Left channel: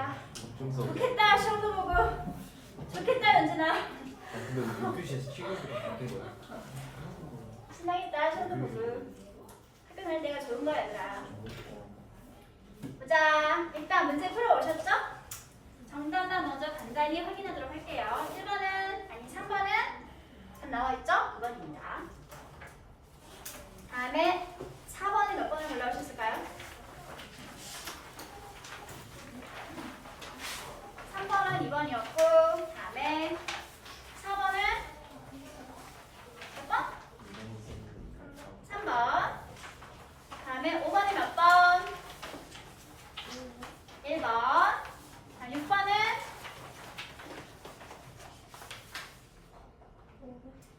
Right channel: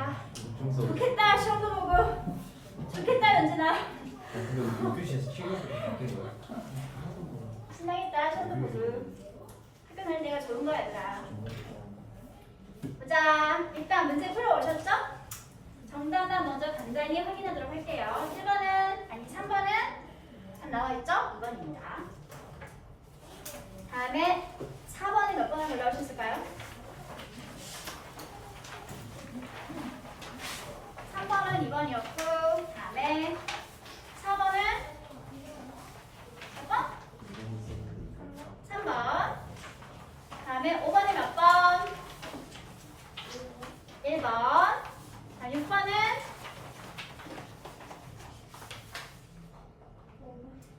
좋겠다. 중서. 좋겠다. 시험도 보고. 좋겠다 연진아. 근데 우리 교시에서 취급이 바뀐 거야. 신나겠다. 시험도 보고. 학교 다닐 때가 좋은 거야 얘들아. 보자. 일단 문제 풀어오셨죠? 정답만 먼저 간단히 확인하도록 할게요. 1번은 아니 3번은 잘 나와있죠? 2번입니다. 다음에 4번이 몇 번을 골라오셨을까요? 3번은 2번이었고 다음에 4번은 몇 번? 3번. 다음에 5번이 몇 번? 1번. 자, 6번은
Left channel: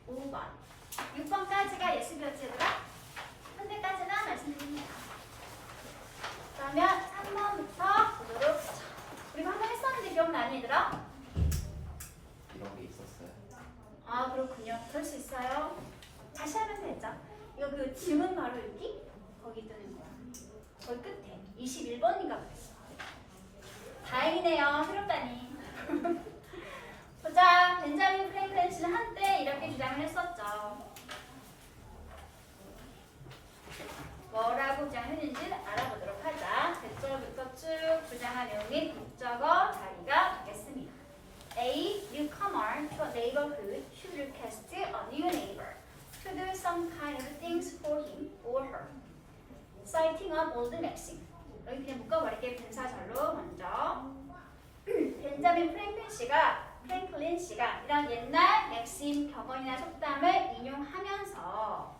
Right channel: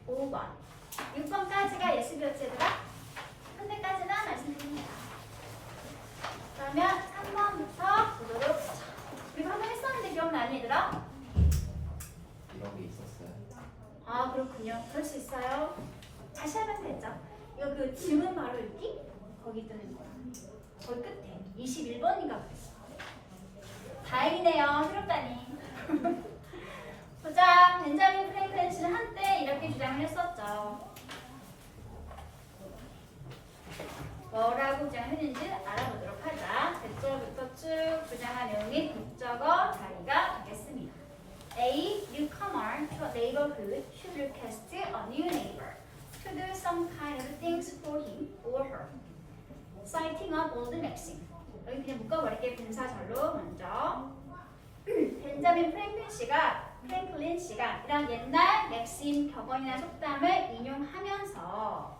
5번. 6번까지가 예습이었지 얘들아? 현재까지나 말씀드립니다. 그러면 3번부터 보도록 하죠. 우리가 한 번 했었는데 기억나니 얘들아? 이런 게 있었어요. 아 그렇군요. 그럴 수 있어요. 다시 하면 되죠. 이거 그 질문 바로 읽기? 거기 뜨는 거야. 거기 끝에 21번인가 그랬어. 다행이네요. 새롭다니. 보자. 벤자민 프랭클린 씨는 한때 이렇게 주장을 했었죠. 뭐라고 주장했는지 알아보도록 하자. 대절부터 쭉 주장한 내용이 목적어 자리가 되겠습니다. A newcomer to a neighborhood should request a new neighbor to do some kind of things for him or her. Citing an old maxim. 여기 그냥 묶어버릴게. 분사절로 먼저. 벤자민 프랭클린 씨가 이런 옛날 맥심 격언이나 속담을 인용하면서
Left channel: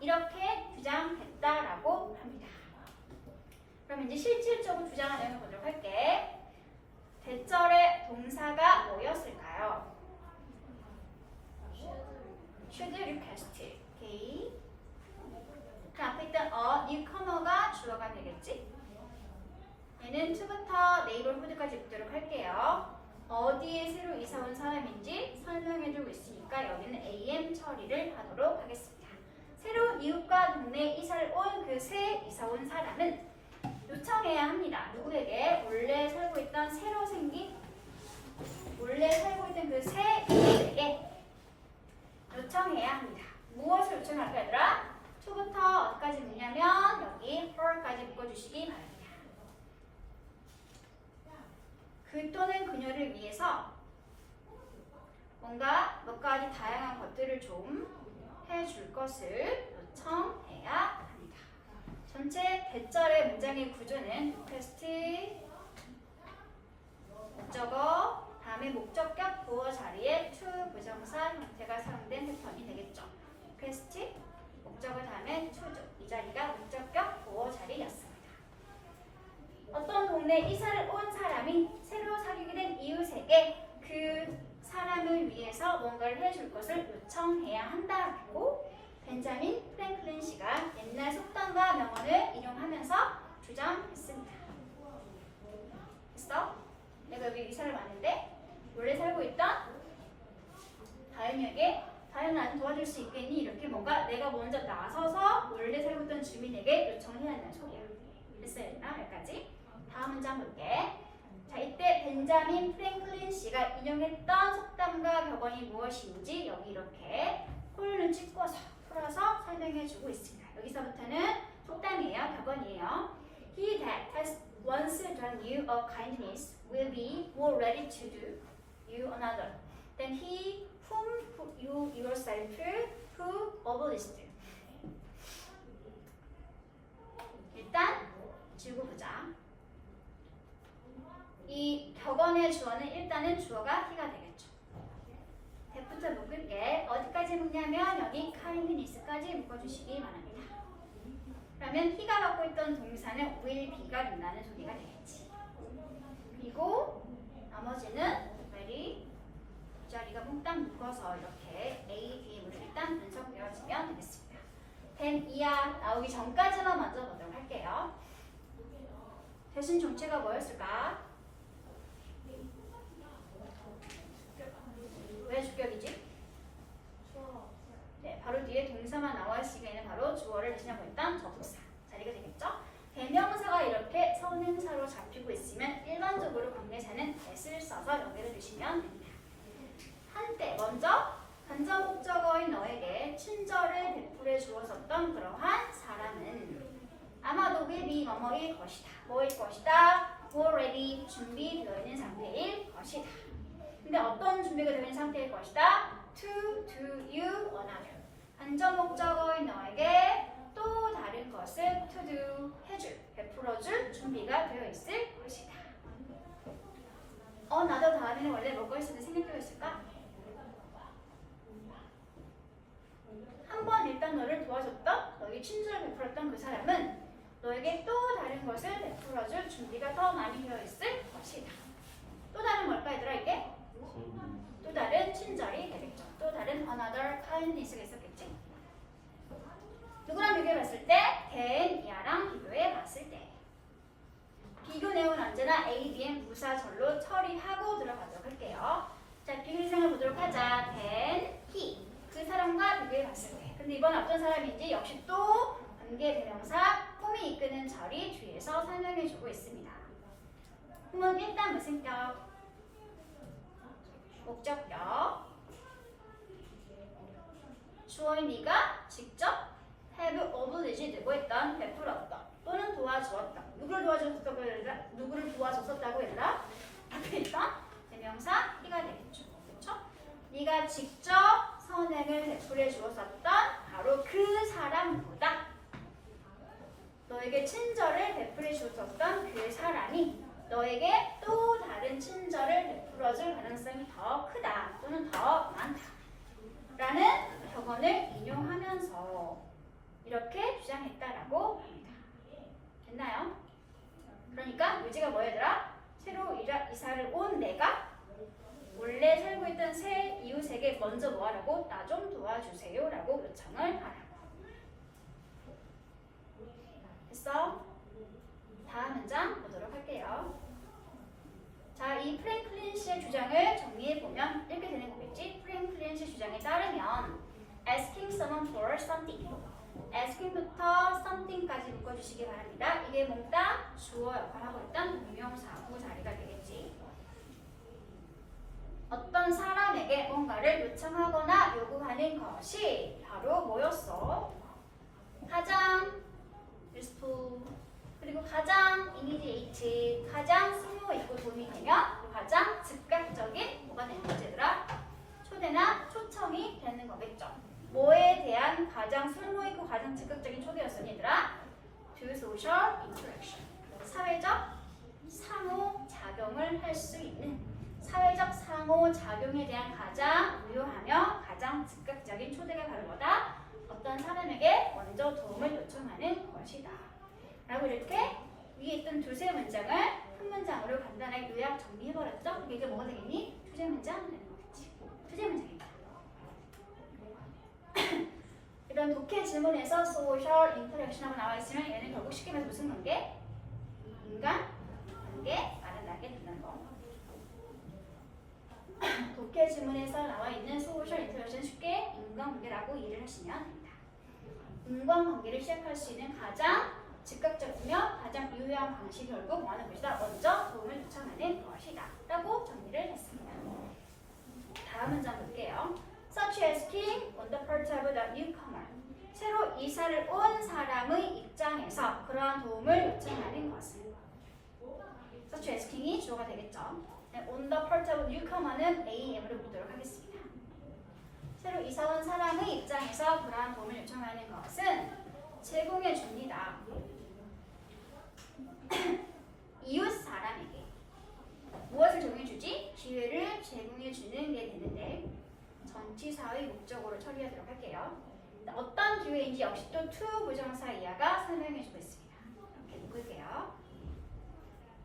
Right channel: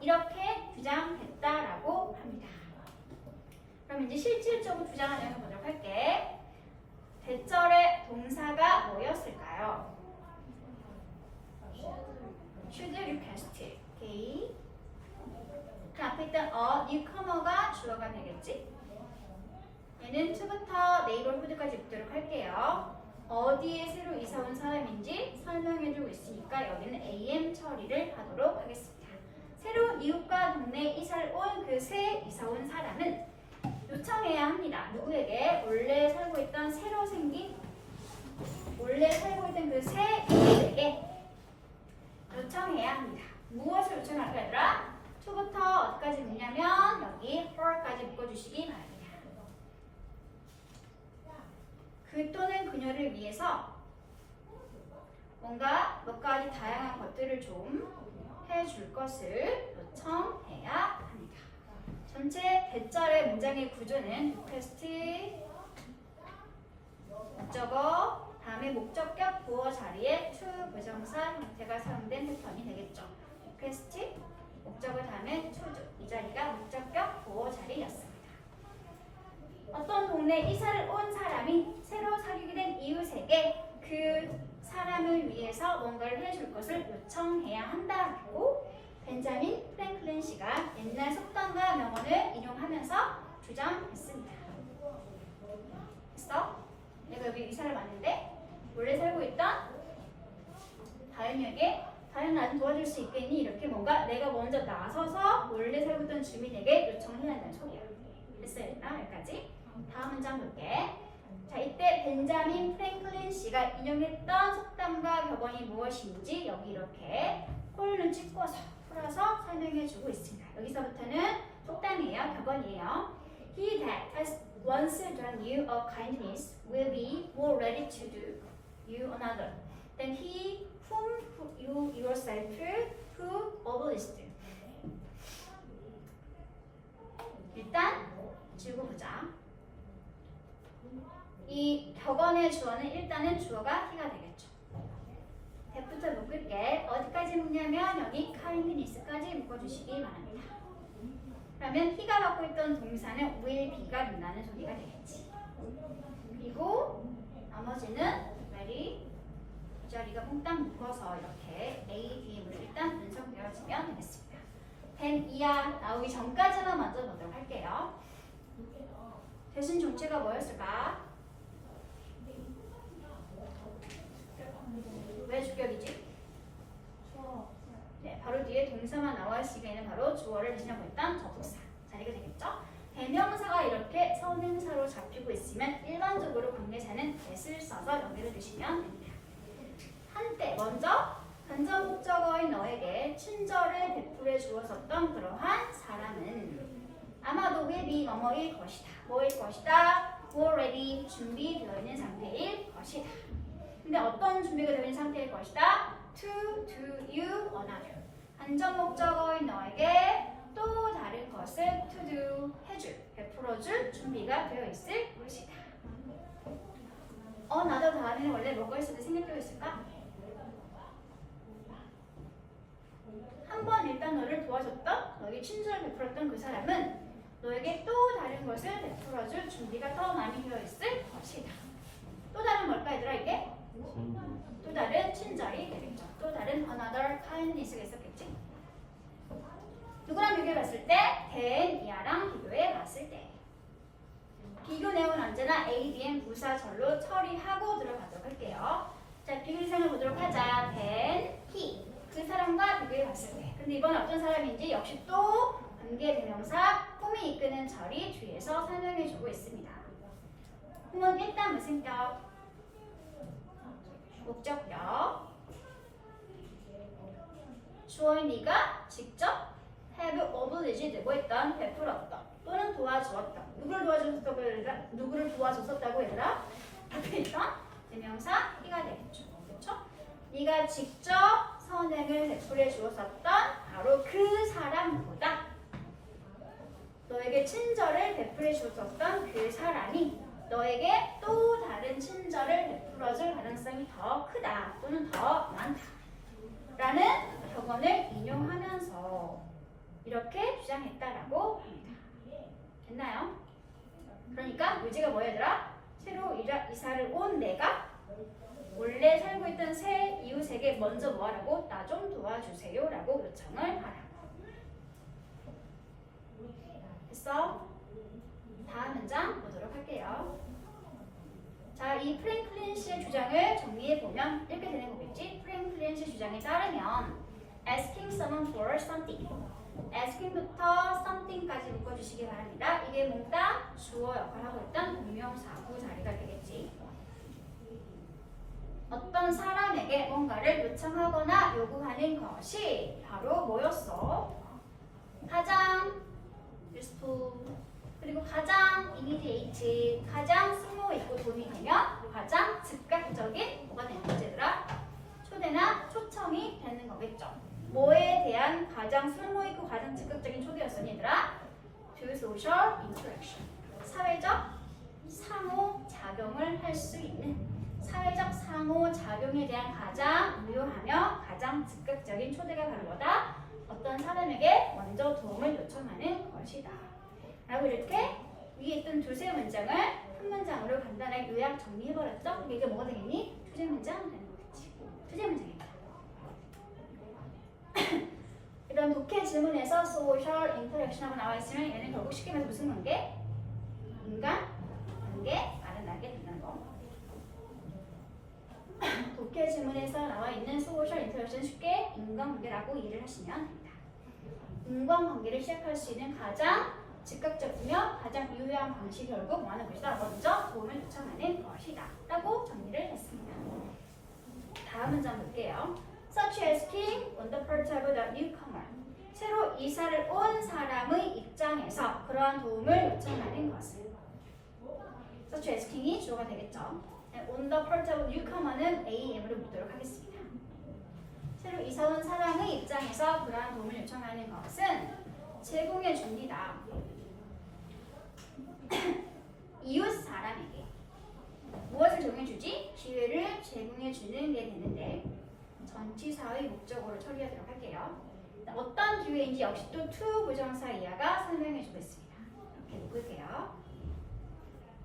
이렇게 주장했다라고 합니다. 그럼 이제 실질적으로 주장한 내용을 보도록 할게. 대절의 동사가 뭐였을까요? should request. 오케이. 그 앞에 있던 newcomer가 주어가 되겠지? 얘는 to부터 neighborhood까지 붙도록 할게요. 어디에 새로 이사 온 사람인지 설명해주고 있으니까 여기는 am 처리를 하도록 하겠습니다. 새로 이웃과 동네에 이사를 온 그 새 이사 온 사람은 요청해야 합니다. 누구에게? 원래 살고 있던 새로 생긴 원래 살고 있던 그 새 이웃에게 요청해야 합니다. 무엇을 요청할까 얘들아? to부터 어디까지 묶냐면 여기 her까지 묶어주시기 바랍니다. 그 또는 그녀를 위해서 뭔가 몇 가지 다양한 것들을 좀 해줄 것을 요청해야 합니다. 전체 대절의 문장의 구조는 request, 목적어, 다음에 목적격 보어 자리에 to 부정사 형태가 사용된 패턴이 되겠죠. request, 목적어 다음에 to죠. 이 자리가 목적격 보어 자리였습니다. 어떤 동네에 이사를 온 사람이 새로 사귀게 된 이웃에게 그 사람을 위해서 뭔가를 해줄 것을 요청해야 한다고 벤자민 프랭클린 씨가 옛날 속담과 명언을 인용하면서 주장했습니다. 됐어? 내가 여기 이사를 왔는데 원래 살고 있던 다현이에게 다현아 나 좀 도와줄 수 있겠니? 이렇게 뭔가 내가 먼저 나서서 원래 살고 있던 주민에게 요청을 해야 한다는 소리야. 됐어요? 여기까지. 다음 문장 볼게. 자, 이때 벤자민 프랭클린 씨가 인용했던 속담과 격언이 무엇인지 여기 이렇게 콜을 찍고서 풀어서 설명해주고 있습니다. 여기서부터는 속담이에요, 격언이에요. He that has once done you a kindness will be more ready to do you another than he whom you yourself who obliged. 일단 주고 보자. 이 격언의 주어는 일단은 주어가 he가 되겠죠. 대부터 묶을게. 어디까지 묶냐면 여기 kindness까지 묶어주시기 바랍니다. 그러면 he가 갖고 있던 동사는 will be가 된다는 소리가 되겠지. 그리고 나머지는 ready 이 자리가 몽땅 묶어서 이렇게 A, B의 문을 일단 분석되어지면 되겠습니다. then 이하 나오기 전까지만 먼저 보도록 할게요. 대신 정체가 뭐였을까? 왜 주격이지? 네, 바로 뒤에 동사만 나와 있으니까 바로 주어를 대신하고 있던 접속사 자리가 되겠죠? 대명사가 이렇게 선행사로 잡히고 있으면 일반적으로 친절을 베풀어 주었었던 그러한 사람은 아마도 will be 뭐뭐일 것이다. 뭐일 것이다? already 준비되어 있는 상태일 것이다. 근데 어떤 준비가 되어 있는 상태일 것이다? to do you another. 간접 목적어인 너에게 또 다른 것을 to do 해줄, 베풀어줄 준비가 되어 있을 것이다. another 다음에는 원래 뭐가 있을 때 생략되어 있을까? 한 번 일단 너를 도와줬던, 너에게 친절을 베풀었던 그 사람은 너에게 또 다른 것을 베풀어줄 준비가 더 많이 되어 있을 것이다. 또 다른 뭘까 얘들아 이게? 또 다른 친절이 되겠죠. 또 다른 another kindness가 있었겠지. 누구랑 비교해 봤을 때? than 이하랑 비교해 봤을 때. 비교 내용은 언제나 A, B, M 부사절로 처리하고 들어가도록 할게요. 자, 비교 대상을 보도록 하자. than he. 그 사람과 비교해 봤을 때. 근데 이번에 어떤 사람인지 역시 또 관계대명사 홈이 이끄는 절이 뒤에서 설명해주고 있습니다. 홈은 일단 무슨 격? 목적격. 주어인 네가 직접 have obliged 뭐 했던 베풀었던 또는 도와주었던 누구를 도와줬었다고 얘들아? 앞에 있던 대명사 he가 되겠죠. 그렇죠? 네가 직접 선행을 베풀어 주었었던 바로 그 사람보다 너에게 친절을 베풀어 주었던 그 사람이 너에게 또 다른 친절을 베풀어 줄 가능성이 더 크다 또는 더 많다 라는 격언을 인용하면서 이렇게 주장했다라고 합니다. 됐나요? 그러니까 의지가 뭐 얘들아? 새로 이사를 온 내가 원래 살고 있던 새 이웃에게 먼저 뭐 하라고? 나 좀 도와주세요 라고 요청을 하라고. 됐어? 다음 문장 보도록 할게요. 자, 이 프랭클린 씨의 주장을 정리해보면 이렇게 되는 거겠지? 프랭클린 씨 주장에 따르면 asking someone for something asking부터 something까지 묶어주시기 바랍니다. 이게 몽땅 주어 역할을 하고 있던 동명사구 자리가 되겠지. 어떤 사람에게 뭔가를 요청하거나 요구하는 것이 바로 뭐였어? 가장 useful 그리고 가장 immediate 가장 쓸모 있고 도움이 되면 가장 즉각적인 뭐가 되는 거지 얘들아? 초대나 초청이 되는 거겠죠. 뭐에 대한 가장 쓸모 있고 가장 즉각적인 초대였어 얘들아? To social interaction 사회적 상호작용을 할 수 있는 사회적 상호작용에 대한 가장 유효하며 가장 즉각적인 초대가 바로 뭐다? 어떤 사람에게 먼저 도움을 요청하는 것이다. 라고 이렇게 위에 있던 두세 문장을 한 문장으로 간단하게 요약 정리해버렸죠? 이게 뭐가 되겠니? 주제 문장 되는 거겠지. 주제 문장입니다. 이런 독해 질문에서 social interaction하고 나와 있으면 얘는 결국 쉽게 말해서 무슨 관계? 인간 관계 말한다게 된다는 거. 독해 질문에서 나와 있는 social interaction 쉽게 인간관계라고 이해를 하시면 됩니다. 인간관계를 시작할 수 있는 가장 즉각적이며 가장 유효한 방식이 결국 뭐 하는 것이다? 먼저 도움을 요청하는 것이다 라고 정리를 했습니다. 다음 문장 볼게요. Such asking on the part of the newcomer 새로 이사를 온 사람의 입장에서 그러한 도움을 요청하는 것은 such asking이 주어가 되겠죠. On the part of newcomer는 AM으로 묻도록 하겠습니다. 새로 이사 온 사람의 입장에서 그러한 도움을 요청하는 것은 제공해 줍니다. 이웃 사람에게 무엇을 제공해 주지? 기회를 제공해 주는 게 되는데 전치사의 목적어로 처리하도록 할게요. 어떤 기회인지 역시 또 to 부정사 이하가 설명해 주고 있습니다. 이렇게 묶을게요.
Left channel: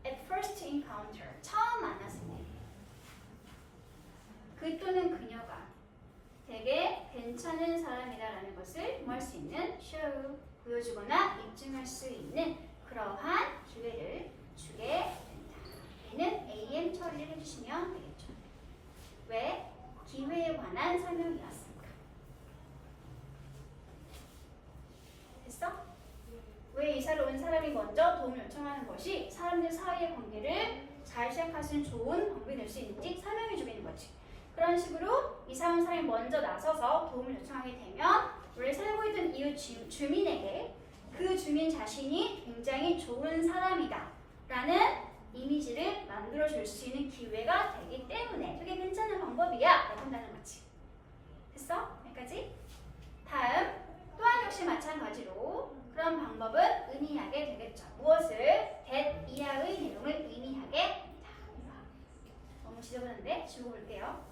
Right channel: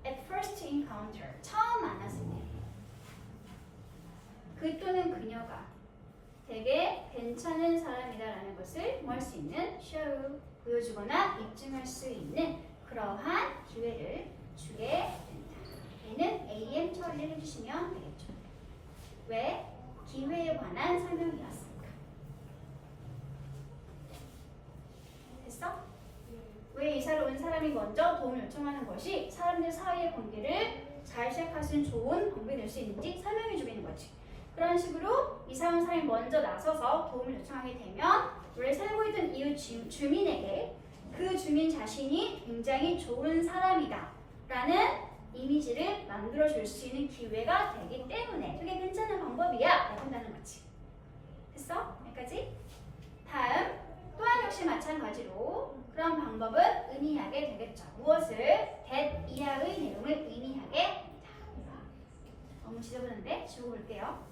At first encounter 처음 만났을 때 그 또는 그녀가 되게 괜찮은 사람이다라는 것을 뭐 할 수 있는 show 보여주거나 입증할 수 있는 그러한 기회를 주게 된다. 얘는 AM 처리를 해주시면 되겠죠. 왜? 기회에 관한 설명이었습니다. 됐어? 왜 이사를 온 사람이 먼저 도움을 요청하는 것이 사람들 사이의 관계를 잘 시작할 수 있는 좋은 방법이 될 수 있는지 설명해 주고 있는 거지. 그런 식으로 이사 온 사람이 먼저 나서서 도움을 요청하게 되면 원래 살고 있던 이웃 주민에게 그 주민 자신이 굉장히 좋은 사람이다 라는 이미지를 만들어줄 수 있는 기회가 되기 때문에 되게 괜찮은 방법이야 라고 한다는 거지. 됐어? 여기까지? 다음 또한 역시 마찬가지로 그런 방법은 의미하게 되겠죠. 무엇을? that 이하의 내용을 의미하게. 너무 지저분한데 지우고 볼게요.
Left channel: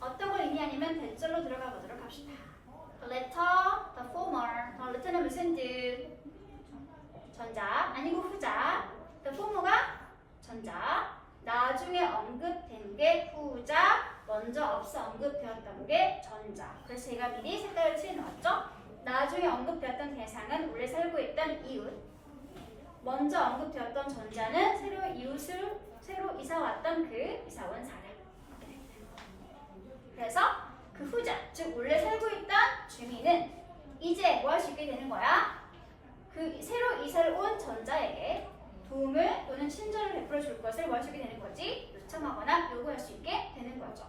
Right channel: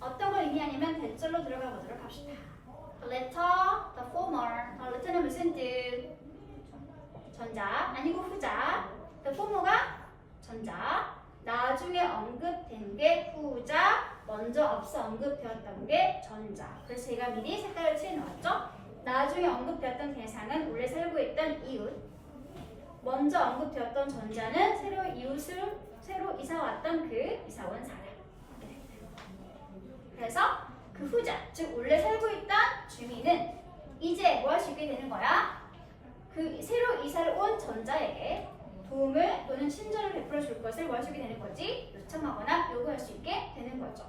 어떤 걸 의미하냐면 대절로 들어가 보도록 합시다. The letter, the former. The letter는 무슨 뜻? 전자 아니고 후자. The former가 전자. 나중에 언급된 게 후자. 먼저 앞서 언급되었던 게 전자. 그래서 제가 미리 색깔을 칠해놓았죠. 나중에 언급되었던 대상은 원래 살고 있던 이웃. 먼저 언급되었던 전자는 새로 이사 왔던 그 이사 온 사람. 그래서 그 후자, 즉 원래 살고 있던 주민은 이제 뭐 할 수 있게 되는 거야? 그 새로 이사를 온 전자에게 도움을 또는 친절을 베풀어 줄 것을 뭐 할 수 있게 되는 거지? 요청하거나 요구할 수 있게 되는 거죠.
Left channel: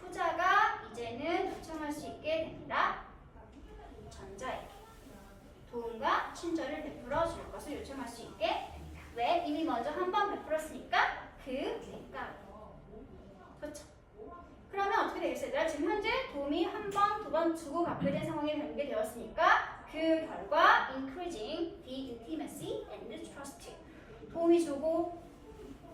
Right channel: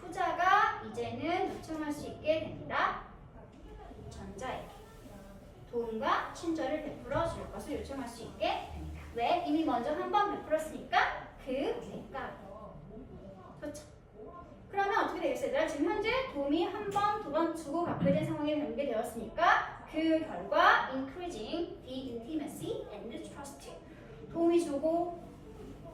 후자가 이제는 요청할 수 있게 됩니다. 전자에게 도움과 친절을 베풀어 줄 것을 요청할 수 있게 됩니다. 왜? 이미 먼저 한 번 베풀었으니까 그 대가로. 그렇죠? 그러면 어떻게 되겠어요? 얘들아? 지금 현재 도움이 한 번, 두 번 주고 받게 된 상황이 전개되었으니까 그 결과 increasing the intimacy and the trust. 도움이 주고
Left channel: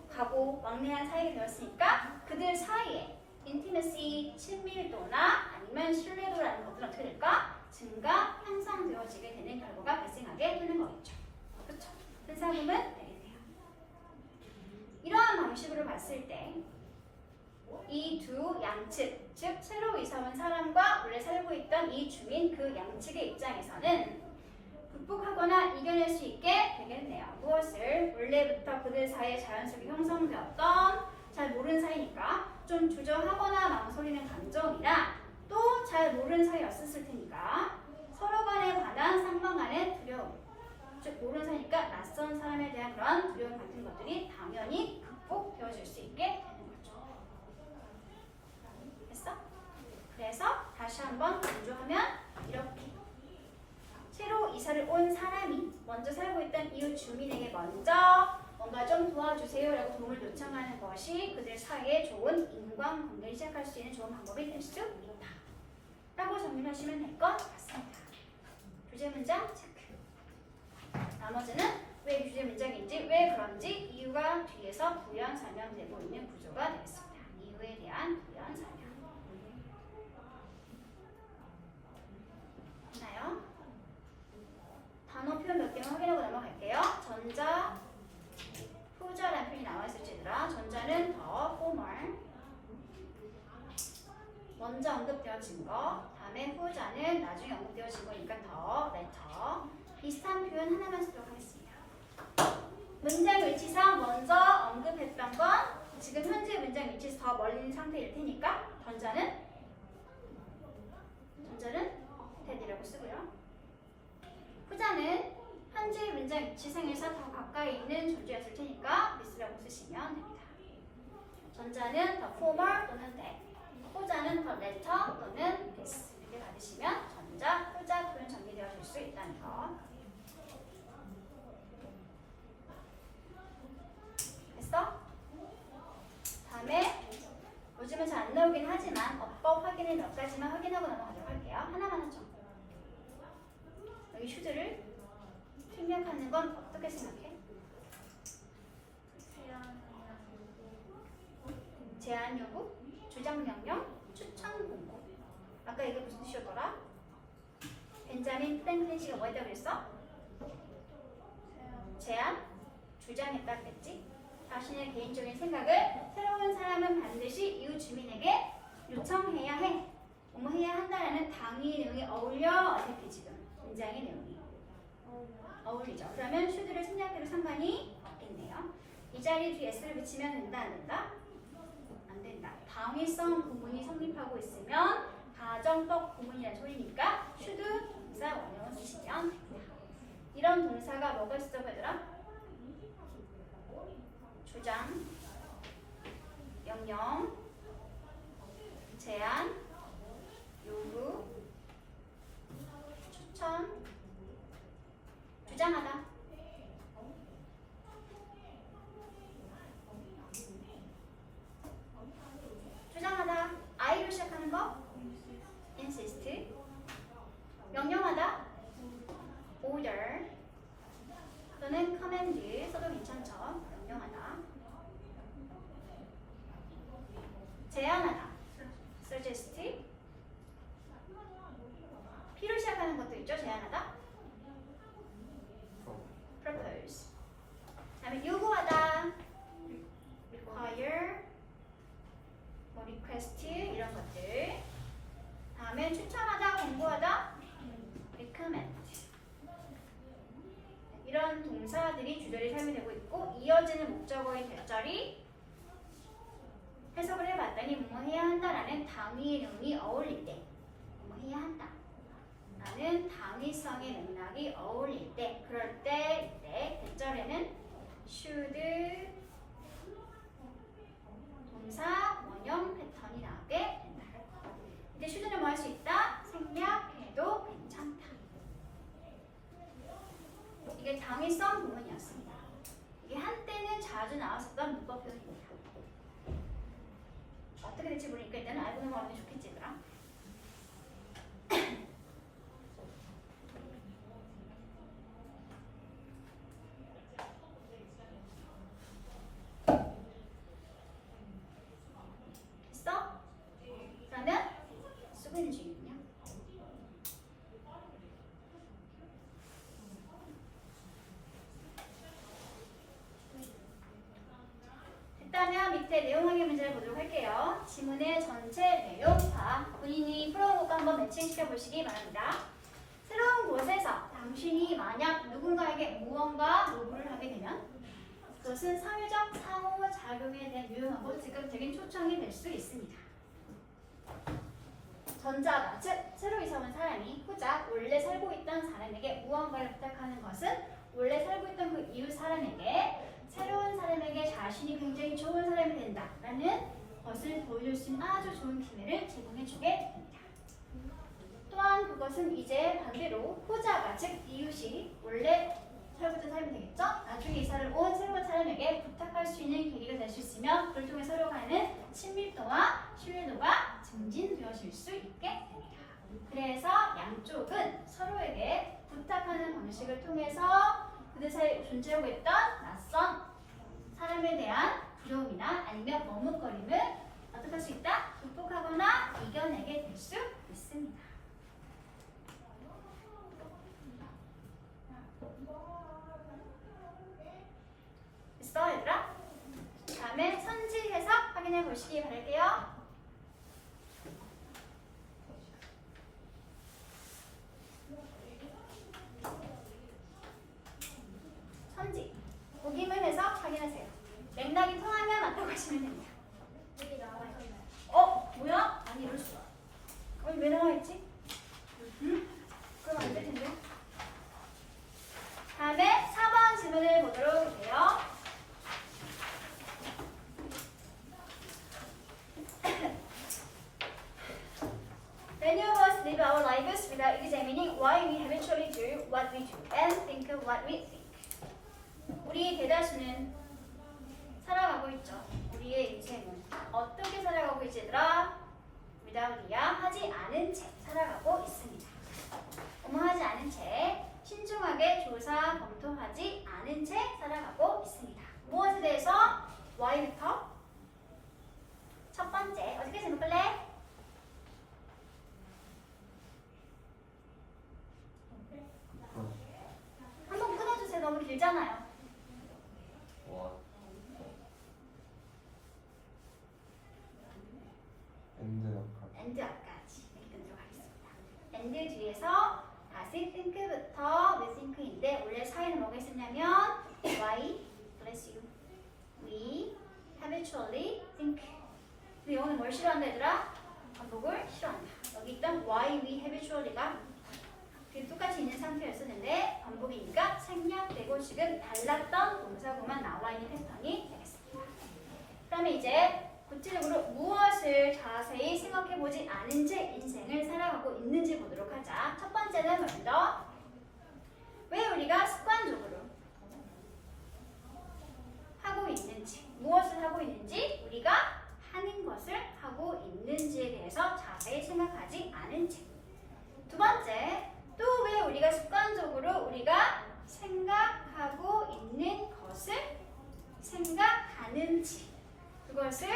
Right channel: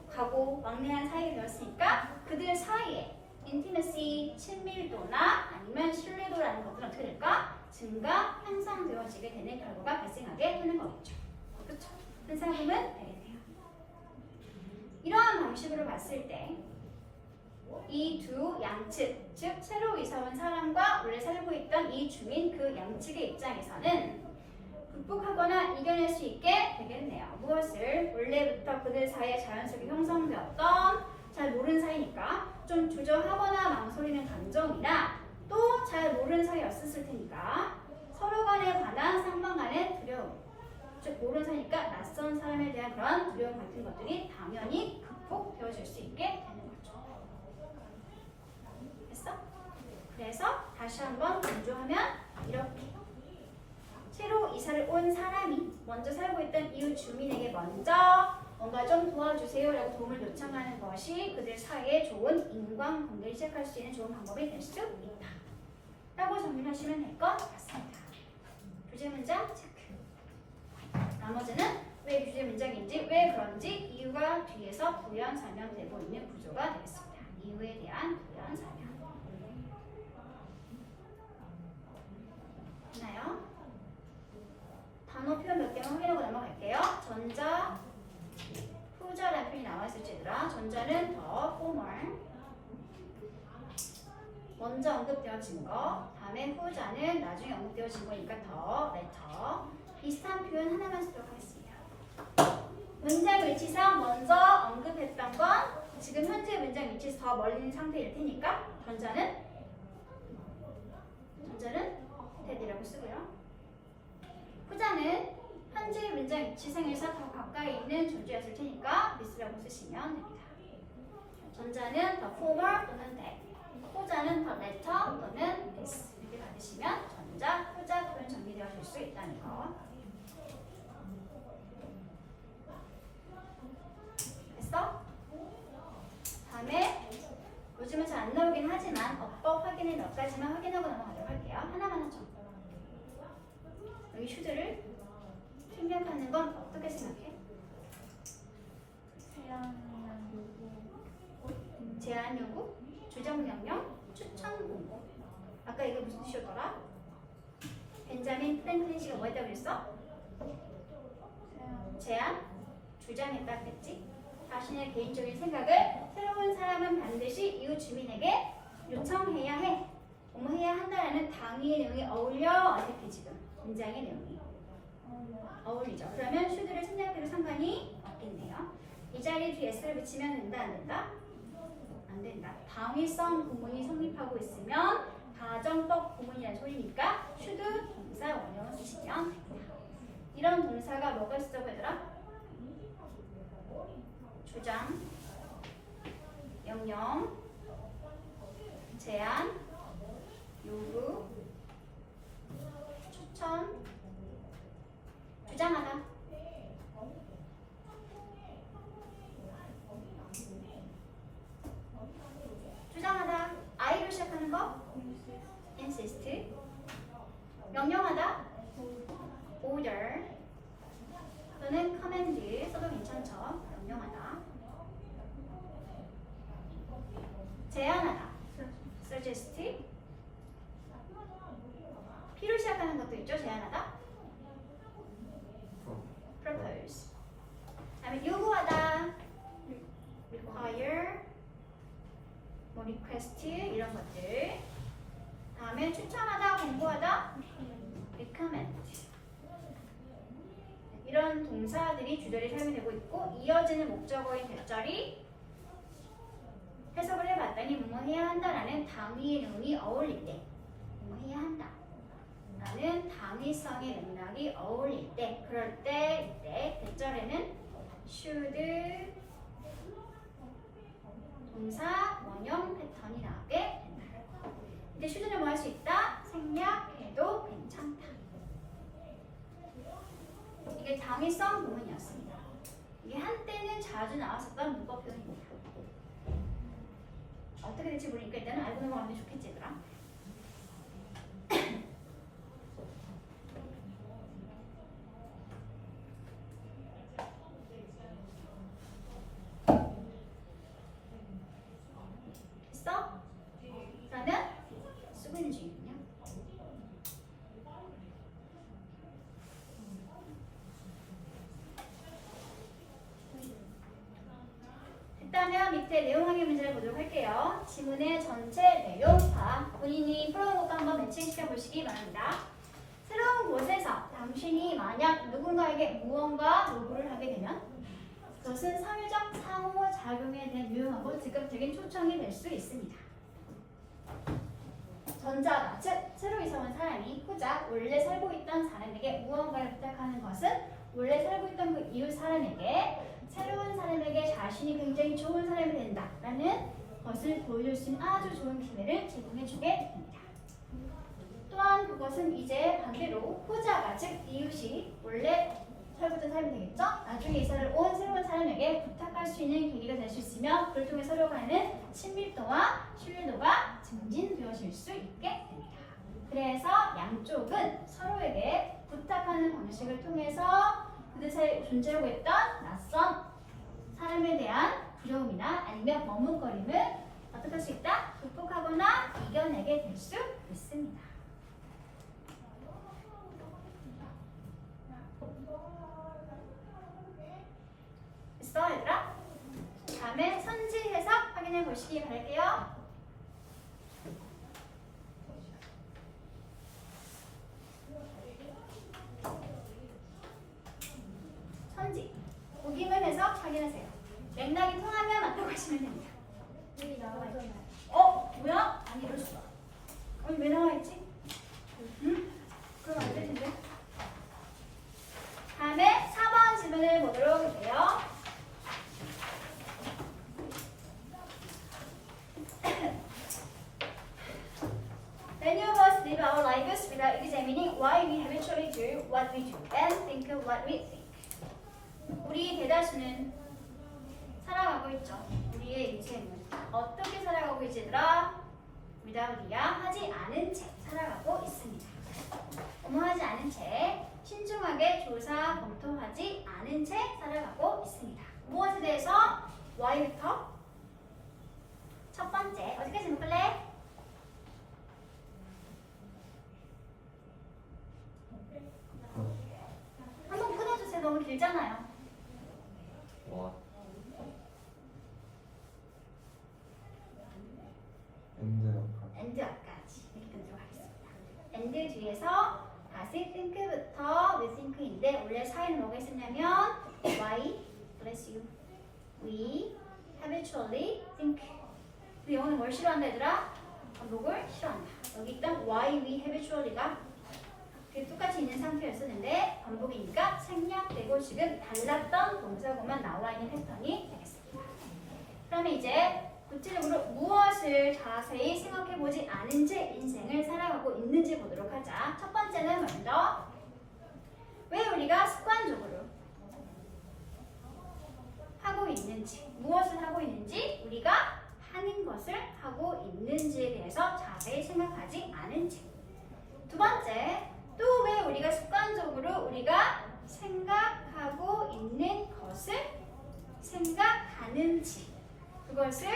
가고 왕래한 사이가 되었으니까 그들 사이에 intimacy, 친밀도나 아니면 신뢰도라는 것들은 어떻게 될까? 증가, 향상되어지게 되는 결과가 발생하게 되는 거겠죠. 그렇죠? 현상금은 되겠네요. 이러한 방식으로 봤을 때 이 두 양측, 즉 새로 이사 온 사람과 원래 살고 있던 이 주민 그 양측의 입장에서는 극복하거나 이겨낼 수 있게 되겠네요. 무엇을? 원래부터 그들 사이에 자연스럽게 형성되었던 잘 모르는 사이니까 좀 주저하거나 망설이는 감정이나 또 잘 모르는 사이였을 테니까 서로 간에 관한 상방 간의 두려움, 즉 모르는 사이니까 낯선 사람에 대한 그런 두려움 같은 것들이 당연히 극복되어질 수 있게 되는 거죠. 됐어? 그래서 다시 한번 강조하면 이렇게 새로 이사를 온 사람이 먼저 살고 있던 이웃 주민에게 먼저 뭔가 좀 도와주세요 라고 도움을 요청하는 것이 그들 사이에 좋은 인간관계를 시작할 수 있는 좋은 방법이 될 수 있다 라고 정리하시면 될 것 같습니다. 주제 문장 체크. 나머지는 왜 주제 문장인지 왜 그런지 이유가 뒤에서 부연 설명되고 있는 구조가 되겠습니다. 이유에 대한 부연 설명. 됐나요? 단어 표현 몇 개만 확인하고 넘어갈게요. 전자, 후자라는 표현이 나와 있을지 얘들아. 전자는 더 formal, 먼저 언급되어진 거. 다음에 후자는 나중에 언급되어진 거니까 더 letter. 비슷한 표현 하나만 쓰도록 하겠습니다. 문장 위치상 먼저 언급했던 건 지금 현재 문장 위치에서 더 멀리 있는 상태일 테니까 전자는 that이라고 쓰고요. 후자는 현재 문장 위치상에서 더 가까이 있는 존재였을 테니까 this라고 쓰시면 됩니다. 전자는 the former 또는 that, 후자는 the latter 또는 this 이렇게 받으시면 전자, 후자 표현 정리되어질 수 있다는 거. 됐어? 다음에 요즘은 잘 안 나오긴 하지만 어법 확인을 몇 가지만 확인하고 넘어가도록 할게요. 하나만 하죠. 여기 슈드를 생략하는 건 어떻게 생각해? 제안 요구, 주장 명령, 추천 공고. 아까 이게 무슨 뜻이었더라? 벤자민 프랭클린 씨가 뭐 했다고 그랬어? 제안, 주장했다 그랬지? 자신의 개인적인 생각을 새로운 사람은 반드시 이웃 주민에게 요청해야 해. 뭐뭐 해야 한다라는 당위의 내용이 어울려. 어색해 지금 문장의 내용이 어울리죠. 그러면 슈드를 생략해도 상관이 없겠네요. 이 자리에 뒤에 s를 붙이면 된다 안 된다? 안 된다. 당위성 구문이 성립하고 있으면 가정법 구문이라는 소리니까 슈드 동사 원형을 쓰시면 됩니다. 이런 동사가 뭐가 있었다고 얘들아? 주장, 명령, 제안, 요구, 추천, 주장하다. 주장하다. I로 시작하는 거 insist. 명령하다 order 또는 command 써도 괜찮죠. 명령하다. 제안하다 suggest. P로 시작하는 것도 있죠. 제안하다 propose. 다음에 요구하다 require, 뭐 request 이런 것들. 다음에 추천하다, 공부하다 recommend. 이런 동사들이 주절이 사용되고 있고 이어지는 목적어인 대절이 해석을 해봤더니 뭐뭐 해야 한다라는 당위의 내용이 어울릴 때, 뭐뭐 해야 한다 라는 당위성의 맥락이 어울릴 때, 그럴 때 이때 대절에는 should 동사 원형 패턴이 나오게 된다. 이때 should는 뭐 할 수 있다? 생략해도 괜찮다. 이게 당위성 부분이었습니다. 이게 한때는 자주 나왔었던 문법 표현입니다. 어떻게 될지 모르니까 일단은 알고 넘어가는 게 좋겠지 얘들아. 됐어? 그러면 쓰고 있는 중이군요. 됐다면 밑에 내용 확인 문제를 보도록 할게요. 지문의 전체 내용과 본인이 풀어온 것과 한번 매칭시켜 보시기 바랍니다. 새로운 곳에서 당신이 만약 누군가에게 무언가 요구를 하게 되면 그것은 사회적 상호작용에 대한 유용하고 즉각적인 초청이 될 수 있습니다. 전자가, 즉 새로 이사 온 사람이 후작 원래 살고 있던 사람에게 무언가를 부탁하는 것은 원래 살고 있던 그 이웃 사람에게 새로운 사람에게 자신이 굉장히 좋은 사람이 된다라는 것을 보여줄 수 있는 아주 좋은 기회를 제공해주게 됩니다. 또한 그것은 이제 반대로 후자가, 즉 이웃이 원래 살고 있던 사람이 되겠죠? 나중에 이사를 온 새로운 사람에게 부탁할 수 있는 계기가 될 수 있으며 그걸 통해 서로 간의 친밀도와 신뢰도가 증진되어질 수 있게 됩니다. 그래서 양쪽은 서로에게 부탁하는 방식을 통해서 그들 사이에 존재하고 있던 낯선 사람에 대한 두려움이나 아니면 머뭇거림을 어떻게 할 수 있다? 극복하거나 이겨내게 될 수 있습니다. 됐어 얘들아? 다음에 선지 해석 확인해 보시기 바랄게요. 선지 보기문 해석 확인하세요. 맥락이 통하면 맞다고 하시면 됩니다. 뭐야? 아니 이럴 수가. 왜 나와 있지? 그럼 안 될 텐데. 다음에 4번 질문을 보도록 할게요. Many of us live our lives without examining why we habitually do what we do and think of what we think. 우리 대다수는 살아가고 있죠. 우리의 인생은 어떻게 살아가고 있지 얘들아? without이야 하지 않은 채 살아가고 있습니다. 하지 않은 채 신중하게 조사 검토하지 않은 채 살아가고 있습니다. 무엇에 대해서? why부터? 첫 번째 어디까지 묶을래? 한번 끊어주세요. 너무 길잖아요. 와. and 앞까지 이렇게 끊도록 하겠습니다. and 뒤에서 다시 think부터 with think인데 원래 사이는 뭐가 있었냐면 why, bless you, we habitually think. 근데 영어는 뭘 싫어한다 얘들아? 반복을 싫어한다. 여기 있던 why we habitually가 똑같이 있는 상태였었는데 반복이니까 생략되고 지금 달랐던 동사구만 나와 있는 패턴이 되겠습니다. 그러면 이제 구체적으로 무엇을 자세히 생각해보지 않은 채 인생을 살아가고 있는지 보도록 하자. 첫 번째는 먼저 왜 우리가 습관적으로 하고 있는지, 무엇을 하고 있는지, 우리가 하는 것을 하고 있는지에 대해서 자세히 생각하지 않은 채. 두 번째, 또 왜 우리가 습관적으로 우리가 생각하고 있는 것을 생각하는지, 그것을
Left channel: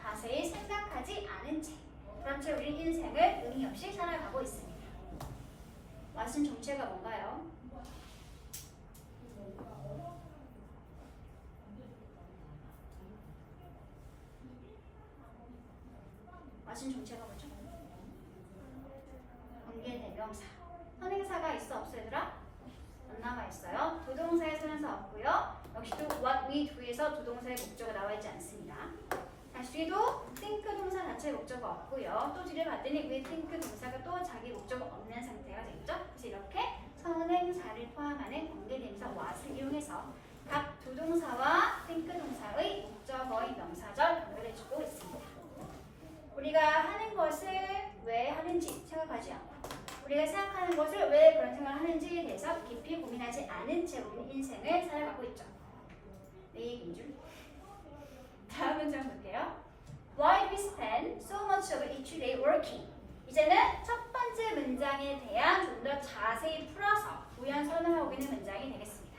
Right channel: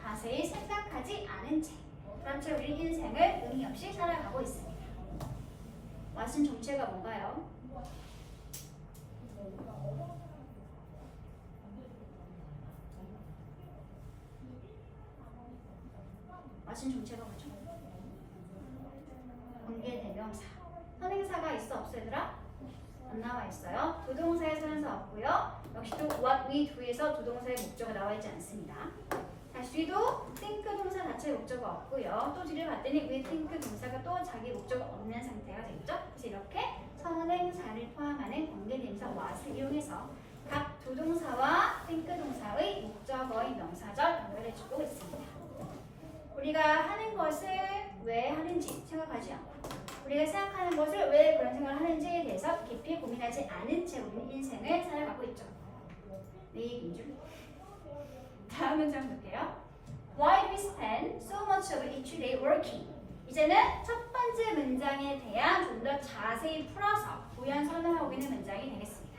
자세히 생각하지 않은 채. 그런 채 우리 인생을 의미 없이 살아가고 있습니다. 왓슨 정체가 뭔가요? 왓슨 정체가 뭐죠? 관계대명사. 선행사가 있어 없어 얘들아? 안 나와 있어요. 조동사의 선행사 없고요. 역시 또 what we do에서 조동사의 목적어 나와 있지 않습니다. 다시 뒤도 think 동사 자체의 목적어 없고요. 또 뒤를 봤더니 we think 동사가 또 자기 목적어 없는 상태가 되겠죠? 그래서 이렇게 선행사를 포함하는 관계대명사 what을 이용해서 각 조동사와 think 동사의 목적어인 명사절 연결해주고 있습니다. 우리가 하는 것을 왜 하는지 생각하지 않고 우리가 생각하는 것을 왜 그런 생각을 하는지에 대해서 깊이 고민하지 않은 채 우리는 인생을 살아가고 있죠. 내 얘기인 줄. 다음 문장 볼게요. Why do we spend so much of each day working? 이제는 첫 번째 문장에 대한 좀 더 자세히 풀어서 부연 설명하고 있는 문장이 되겠습니다.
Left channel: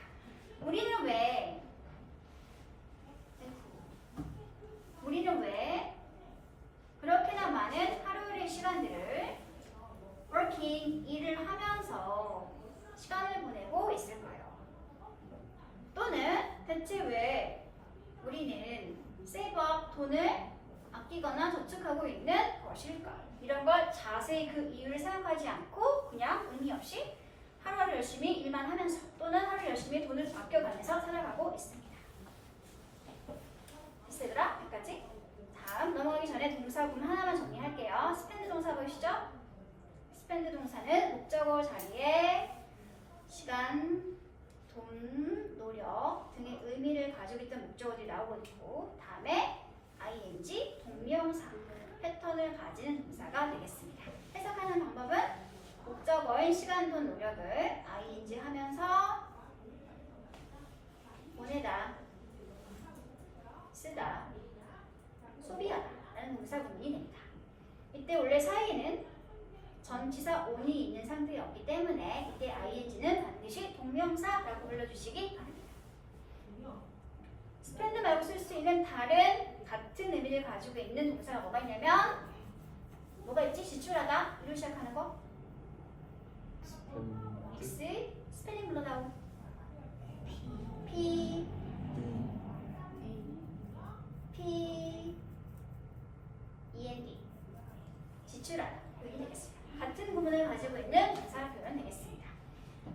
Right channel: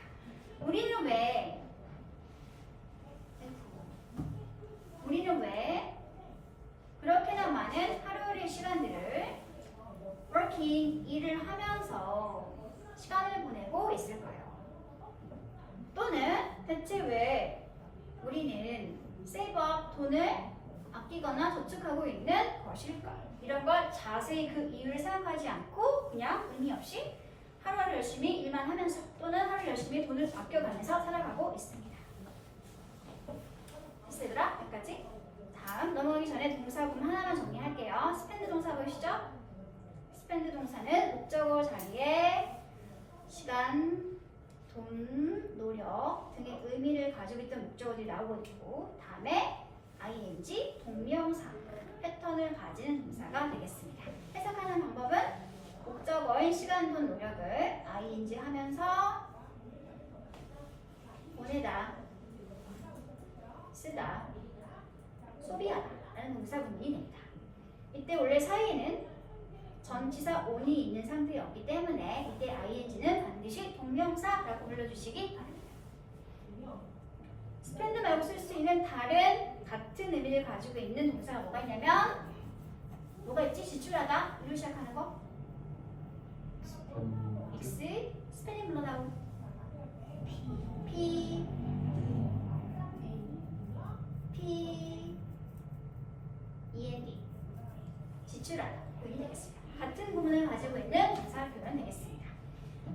우리는 왜 그렇게나 많은 하루의 시간들을 working, 일을 하면서 시간을 보내고 있을까요? 또는 대체 왜 우리는 save up, 돈을 아끼거나 저축하고 있는 것일까? 이런 걸 자세히 그 이유를 생각하지 않고 그냥 의미 없이 하루하루 열심히 일만 하면서 또는 하루 열심히 돈을 아껴가면서 살아가고 있습니다. 됐어 얘들아? 여기까지? 다음 넘어가기 전에 동사구문 하나만 정리할게요. spend 동사 보이시죠? spend 동사는 목적어 자리에 시간, 돈, 노력 등의 의미를 가지고 있던 목적어들이 나오고 있고 다음에 ing, 동명사, 패턴을 가지는 동사가 되겠습니다. 해석하는 방법은 목적어인 시간, 돈, 노력을 ing 하면서 보내다, 쓰다, 소비하다 라는 동사구문이 됩니다. 이때 원래 사이에는 전치사 on이 있는 상태였기 때문에 이때 ing는 반드시 동명사라고 불러주시기 바랍니다. spend 말고 쓸 수 있는 다른 같은 의미를 가지고 있는 동사가 뭐가 있냐면 뭐가 있지? 지출하다 이로 시작하는 거 X 스펠링 불러다오 P END 지출하다 여기 되겠습니다. 같은 구문을 가지고 있는 동사 표현 되겠습니다.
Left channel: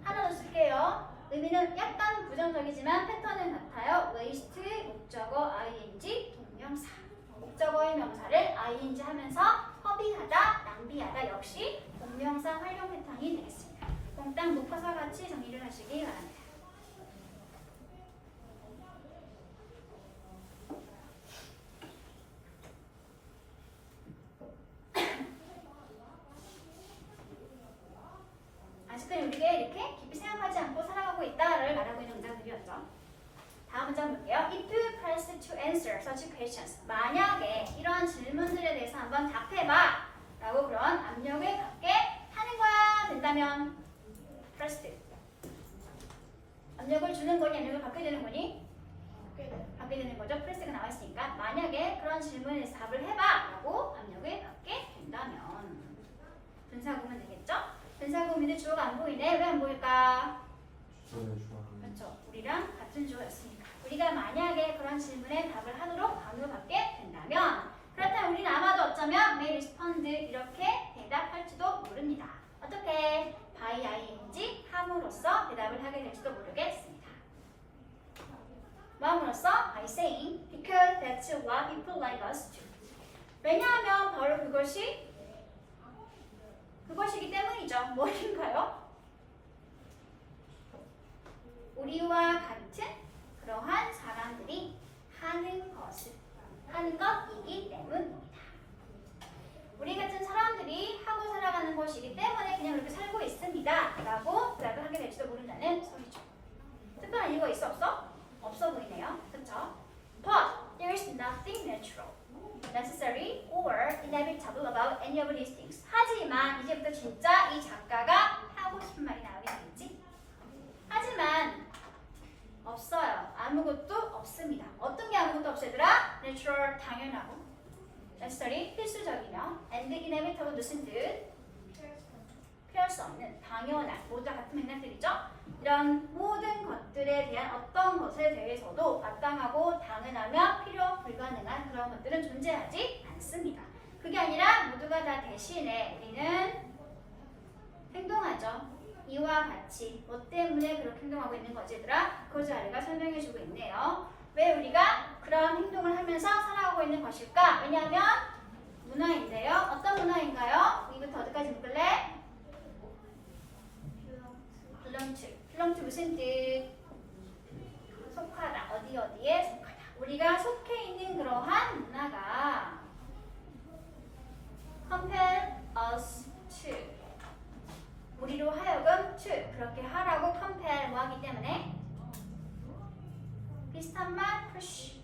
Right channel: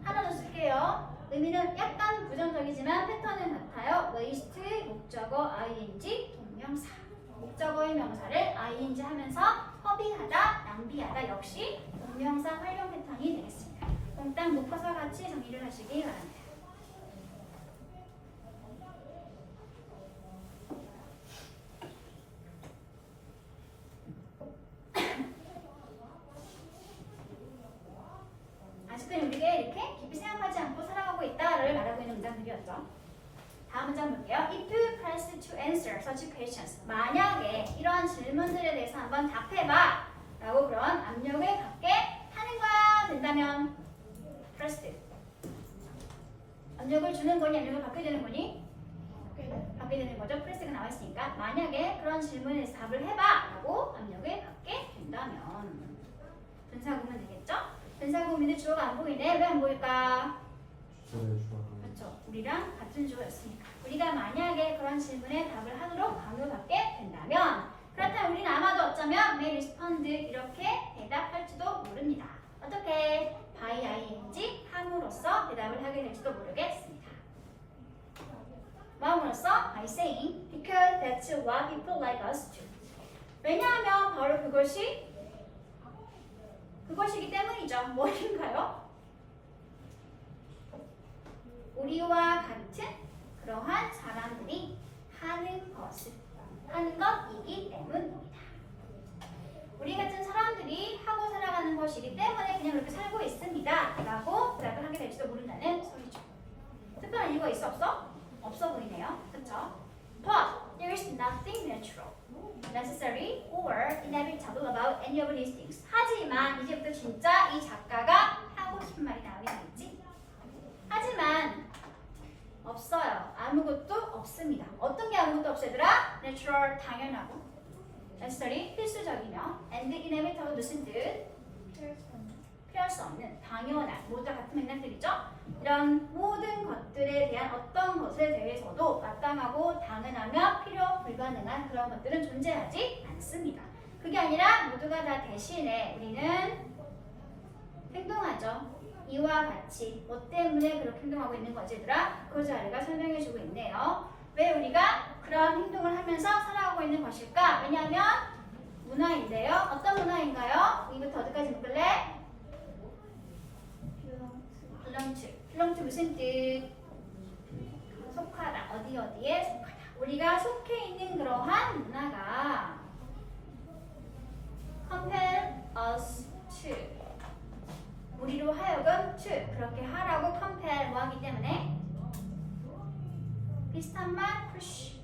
하나 더 쓸게요. 의미는 약간 부정적이지만 패턴은 같아요. waste, 목적어, ing, 동명사. 목적어의 명사를 ing 하면서 허비하다, 낭비하다 역시 동명사 활용 패턴이 되겠습니다. 몽땅 묶어서 같이 정리를 하시기 바랍니다. 아직은 우리가 이렇게 깊이 생각하지 않고 살아가고 있다를 말하고 있는 문장들이었죠. 다음 문장 볼게요. If you press to answer such questions, 만약에 이러한 질문들에 대해서 한번 답해봐 라고 그런 압력을 받게 하는 거야 된다면 pressed 압력을 주는 거니 압력을 받게 되는 거니? 받게 되는 거죠. press가 나와 있으니까 만약에 그런 질문에 대해서 답을 해봐 라고 압력을 받게 된다면 분사구문 되겠죠? 분사구문인데 주어가 안 보이네. 왜 안 보일까? 그렇죠. 우리랑 같은 주어였으니까. 우리가 만약에 그런 질문에 답을 하도록 강요받게 된다면 그렇다면 우리는 아마도 어쩌면 may respond 이렇게 대답할지도 모릅니다. 어떻게? by ing 함으로써 대답을 하게 될지도 모르겠습니다. 마음으로써 by saying because that's what people like us do. 왜냐하면 바로 그것이기 때문이죠. 뭐인가요? 우리와 같은 그러한 사람들이 하는 것이기 때문입니다. 우리 같은 사람들이 하고 살아가는 것이기 때문에 그냥 그렇게 살고 있습니다. 라고 대답을 하게 될지도 모른다는 소리죠. 특별한 이유가 있어 없어? 없어 보이네요. 그쵸? But there is nothing natural, necessary, or inevitable about any of these things. 하지만 이제부터 진짜 이 작가가 하고 싶은 말이 나오게 되겠지? 하지만 없어요. 아무것도 없습니다. 어떤 게 아무것도 없어 얘들아? Natural, 당연하고, necessary, 필수적이며, and inevitable, 무슨 뜻? 피할 수 없는, 당연한, 모두 다 같은 맥락들이죠? 이런 모든 것들에 대한 어떤 것에 대해서도 마땅하고 당연하며 필요 불가능한 그런 것들은 존재하지 않습니다. 그게 아니라 모두가 다 대신에 우리는 행동하죠. 이와 같이 뭐 때문에 그렇게 행동하고 있는 거지 얘들아? 그 자리가 설명해주고 있네요. 왜 우리가 그런 행동을 하면서 살아가고 있는 것일까? 왜냐하면 문화인데요. 어떤 문화인가요? 여기부터 어디까지 묶을래? belong to 무슨 뜻? 속하다. 어디에 속하다. 우리가 속해 있는 그러한 문화가 compel us to, 우리로 하여금 to, 그렇게 하라고 compel 뭐 하기 때문에? 비슷한 말 push,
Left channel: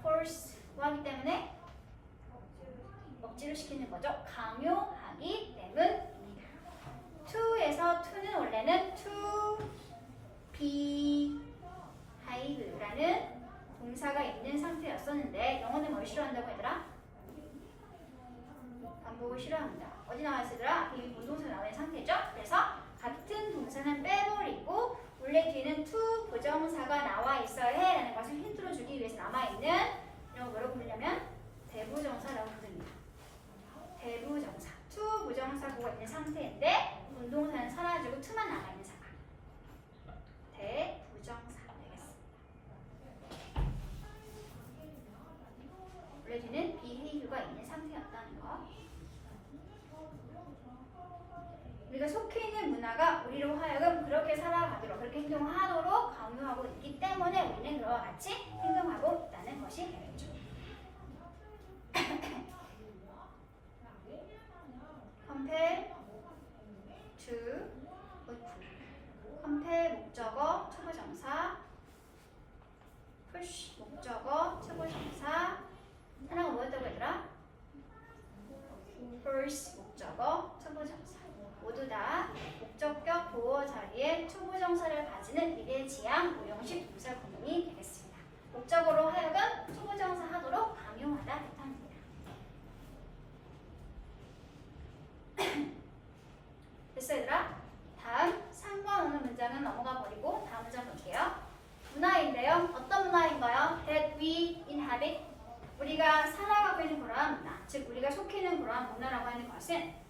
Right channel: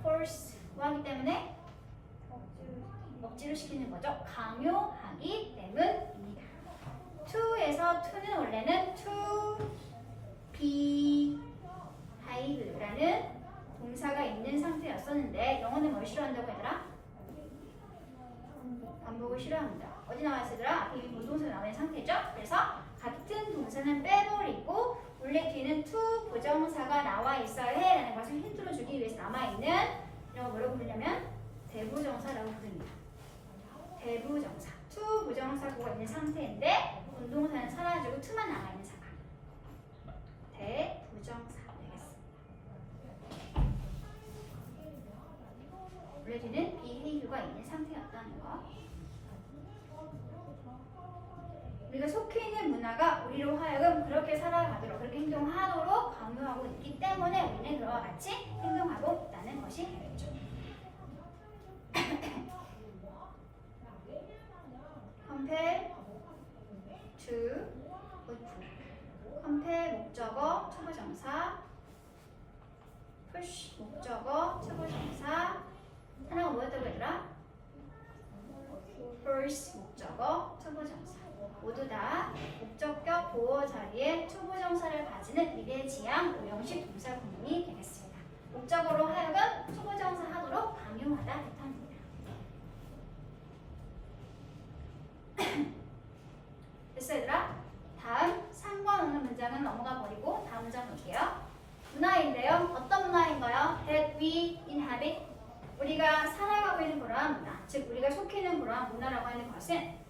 force 뭐 하기 때문에? 억지로 시키는 거죠. 강요하기 때문입니다. to에서 to는 원래는 to behave라는 동사가 있는 상태였었는데 영어는 뭘 싫어한다고 얘들아? 반복을 싫어합니다. 어디 나와 있어 얘들아? 앞에 이 본동사 나와 있는 상태죠? 그래서 같은 동사는 빼버리고 원래 뒤에는 to 부정사가 나와 있어야 해 라는 것을 힌트로 주기 위해서 남아있는 이런 거 뭐라고 부르냐면 대부정사라고 부릅니다. 대부정사. to 부정사구가 있는 상태인데 운동사는 사라지고 to만 남아있는 상황. 대부정사 되겠습니다. 원래 뒤는 behave가 있는 상태였다는 거. 우리가 속해 있는 문화가 우리로 하여금 그렇게 살아가도록, 그렇게 행동하도록 강요하고 있기 때문에 우리는 그와 같이 행동하고 있다는 것이 되겠죠. compel to, compel 목적어, 초보정사, push 목적어, 초보정사, 하나가 뭐였다고 얘들아? force 목적어, 초보정사. 모두 다 목적격 보어 자리에 초보정사를 가지는 미래지향 오형식 동사 구문이 되겠습니다. 목적으로 하여금 초보정사 하도록 강요하다 뜻합니다. 됐어 얘들아? 다음 3번 오는 문장은 넘어가 버리고 다음 문장 볼게요. 문화인데요. 어떤 문화인가요? That we inhabit, 우리가 살아가고 있는 그러한 문화, 즉 우리가 속해 있는 그러한 문화라고 하는 것은